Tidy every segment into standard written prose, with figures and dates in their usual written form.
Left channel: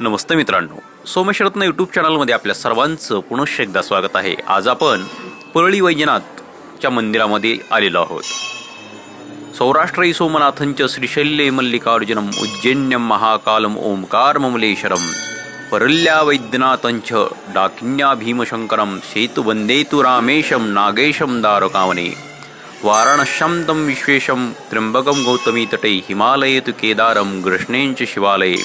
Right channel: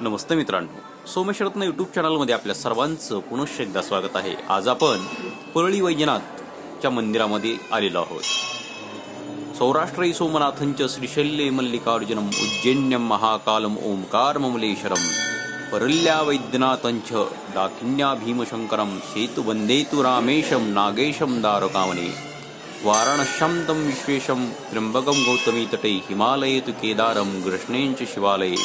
नमस्ते मित्रांनो, सोमेश्वरत्न यूट्यूब चॅनलमध्ये आपल्या सर्वांचं पुनश्च एकदा स्वागत आहे। आज आपण परळी वैजनाथच्या मंदिरामध्ये आलेलो आहोत। सौराष्ट्र सोमनाथंच श्रीशैल्ये मल्लिकार्जुनम उज्जैन्यम महाकालम ओंकार ममलेश्वरम परल्या वैद्यनाथंच डाकिन्या भीमशंकरम सेतु वंदेतु रामेशम नागेशम दारकावने वाराणस्यां तं विश्वेशं त्र्यंबकं गौतमी तटे हिमालये तु केदारं कृष्णेंच शिवालये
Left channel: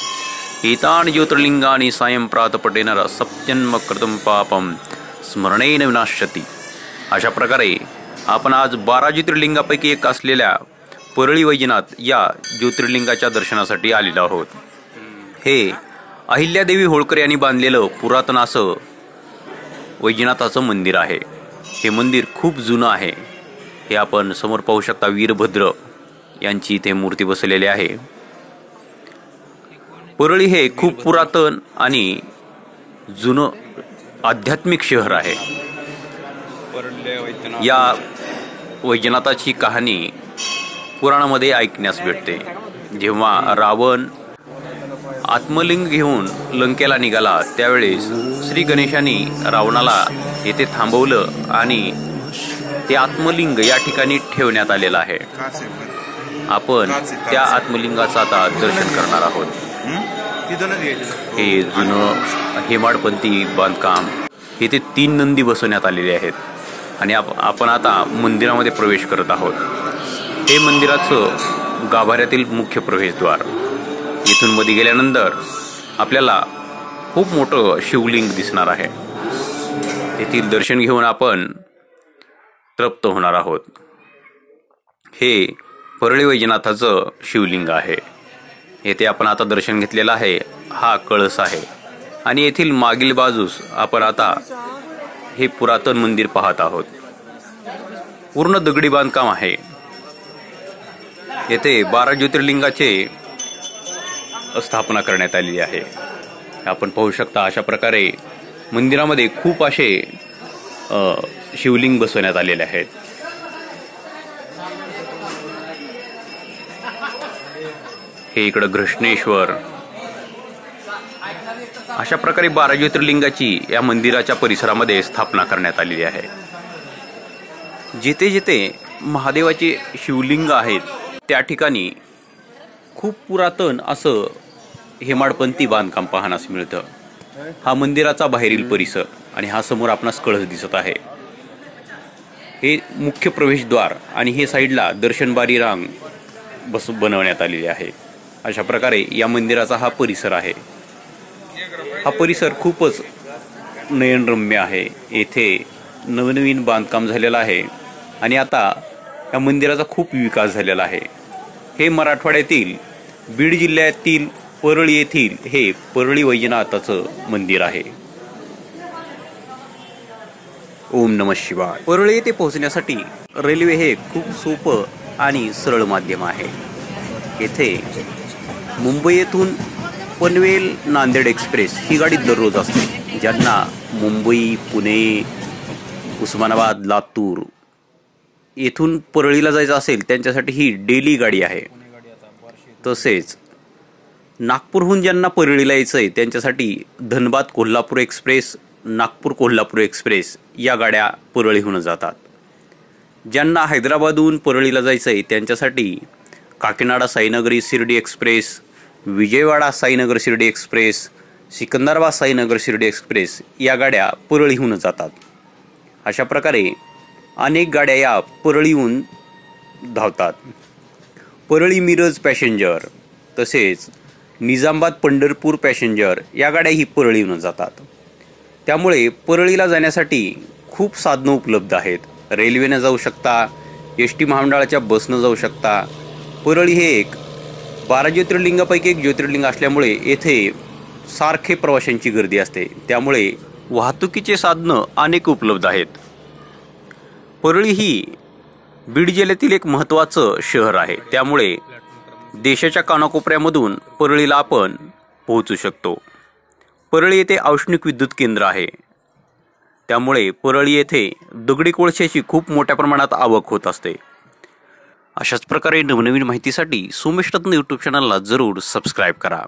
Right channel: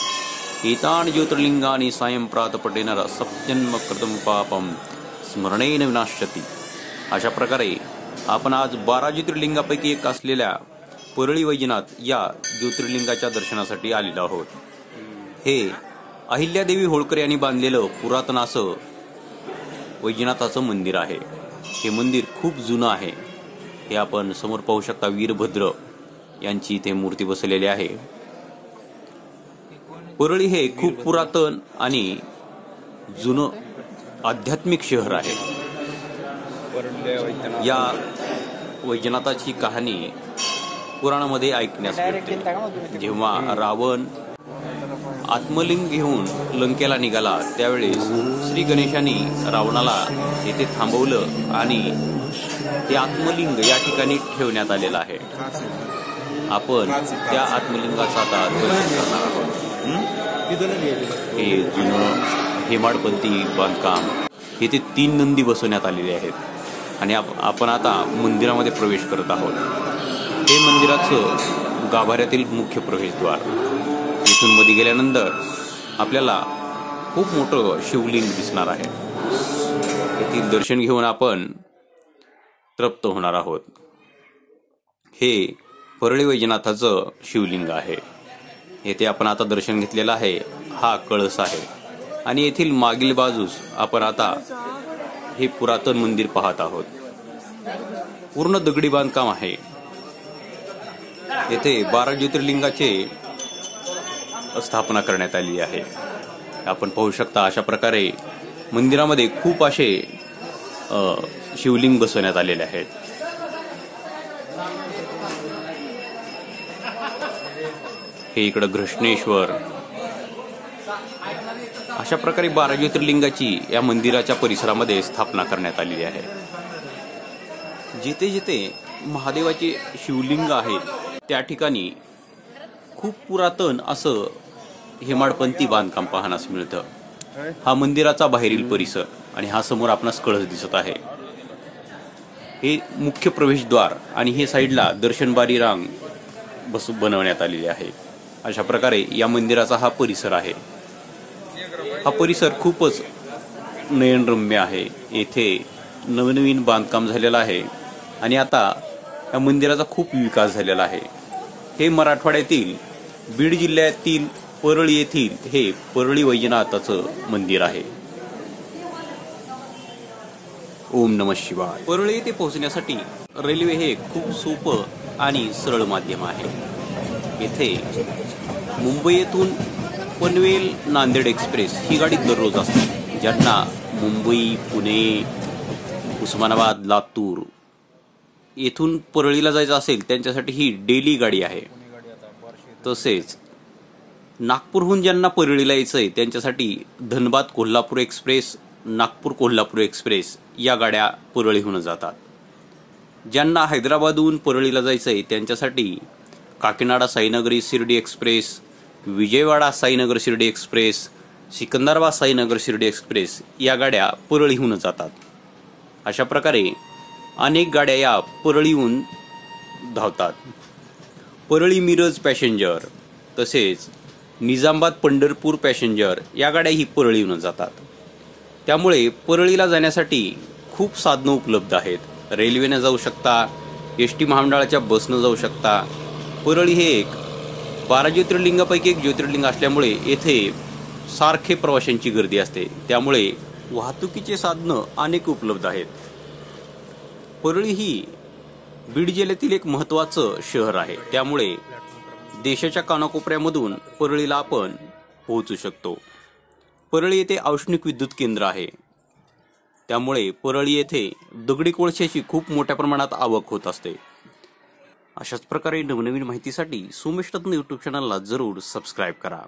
एतानि ज्योतिर्लिंगानि सायं प्रातपटेन सप्तजन्म कृतं पापं स्मरणेन विनाश्यति। अशा प्रकारे आपण आज 12 ज्योतिर्लिंगापैकी एक असलेल्या परळी वैजनाथ या ज्योतिर्लिंगाच्या दर्शनासाठी आलेलो आहोत। हे अहिल्यादेवी होळकर यांनी बांधलेलं पुरातन असं वैजनाथाचं मंदिर आहे। हे मंदिर खूप जुनं आहे। हे आपण समोर पाहू शकता, वीरभद्र यांची इथे मूर्ती बसलेली आहे। परळी हे खूप पुरातन आणि जुनं आध्यात्मिक शहर आहे। या वैजनाथाची कहाणी पुराणामध्ये ऐकण्यास भेटते। जेव्हा रावण आत्मलिंग घेऊन लंकेला निघाला त्यावेळेस श्री गणेशांनी रावणाला येथे थांबवलं आणि ते आत्मलिंग या ठिकाणी ठेवण्यात आलेलं आहे। आपण त्या आत्मलिंगाचं आता दर्शन करणार आहोत। हे जुनं हेमाडपंथी बांधकाम, येथे 3 नंदी बसवण्यात आलेले आहेत आणि आपण आता मंदिरामध्ये प्रवेश करत आहोत। हे मंदिराचं गाभाऱ्यातील मुख्य प्रवेशद्वार। इथून मध्ये गेल्यानंतर आपल्याला खूप मोठं शिवलिंग दिसणार आहे। येथील दर्शन घेऊन आपण तृप्त होणार आहोत। हे परळी वैजनाथाचं शिवलिंग आहे। येथे आपण आता दर्शन घेतलेलं आहे। हा कळस आहे आणि येथील मागील बाजूस आपण आता हे पुरातन मंदिर पाहत आहोत। पूर्ण दगडी बांधकाम आहे। येथे 12 ज्योतिर्लिंगाचे स्थापना करण्यात आली आहे। आपण पाहू शकता, अशा प्रकारे मंदिरामध्ये खूप असे शिवलिंग बसवण्यात आलेले आहेत। हे इकडे घृष्णेश्वर, अशा प्रकारे 12 ज्योतिर्लिंगाची या मंदिराच्या परिसरामध्ये स्थापना करण्यात आलेली आहे। जिथे जिथे महादेवाचे शिवलिंग आहेत त्या ठिकाणी खूप पुरातन असं हेमाडपंथी बांधकाम पाहण्यास मिळतं। हा मंदिराचा बाहेरील परिसर आणि हा समोर आपणास कळस दिसत आहे। हे मुख्य प्रवेशद्वार आणि हे साईडला दर्शनबारी रांग बनवण्यात आलेली आहे। अशा प्रकारे या मंदिराचा हा परिसर आहे। हा परिसर खूपच नयनरम्य आहे। येथे नवनवीन बांधकाम झालेलं आहे आणि आता या मंदिराचा खूप विकास झालेला आहे। हे मराठवाड्यातील बीड जिल्ह्यातील परळी येथील हे परळी वैजनाथाचं मंदिर आहे। ओम नमः शिवाय। परळी येथे पोहोचण्यासाठी रेल्वे हे खूप सोपं आणि सरळ माध्यम आहे। येथे मुंबई येथून पनवेल नांदेड एक्सप्रेस ही गाडी दररोज असते। ज्यांना मुंबई, पुणे, उस्मानाबाद, लातूर येथून परळीला जायचं असेल त्यांच्यासाठी ही डेली गाडी आहे। तसेच नागपूरहून ज्यांना परळीला यायचं आहे त्यांच्यासाठी धनबाद कोल्हापूर एक्सप्रेस, नागपूर कोल्हापूर एक्सप्रेस या गाड्या परळीहून जातात। ज्यांना हैदराबादहून परळीला जायचं आहे त्यांच्यासाठी Kakinada Sainagari Shirdi express, Vijayawada Sainagar Shirdi express, Secunderabad Sainagar Shirdi express या गाड्या परळीहून जातात। अशा प्रकारे अनेक गाड्या या परळीहून धावतात। परळी मिरज पॅसेंजर तसेच निजामाबाद पंढरपूर पॅसेंजर या गाड्या ही परळीहून जातात। त्यामुळे परळीला जाण्यासाठी खूप साधनं उपलब्ध आहेत। रेल्वेने जाऊ शकता, एसटी महामंडळाच्या बसनं जाऊ शकता। परळी हे एक 12 ज्योतिर्लिंगापैकी एक ज्योतिर्लिंग असल्यामुळे येथे सारखे प्रवाशांची गर्दी असते। त्यामुळे वाहतुकीचे साधनं अनेक उपलब्ध आहेत। परळी ही बीड जिल्ह्यातील एक महत्त्वाचं शहर आहे। त्यामुळे देशाच्या कानाकोपऱ्यामधून परळीला आपण पोहोचू शकतो। परळी येथे औष्णिक विद्युत केंद्र आहे। त्यामुळे परळी येथे दगडी कोळशाची खूप मोठ्या प्रमाणात आवक होत असते। अशाच प्रकारे नवनवीन माहितीसाठी सोमेश्वरत्न यूट्यूब चॅनलला जरूर सबस्क्राइब करा।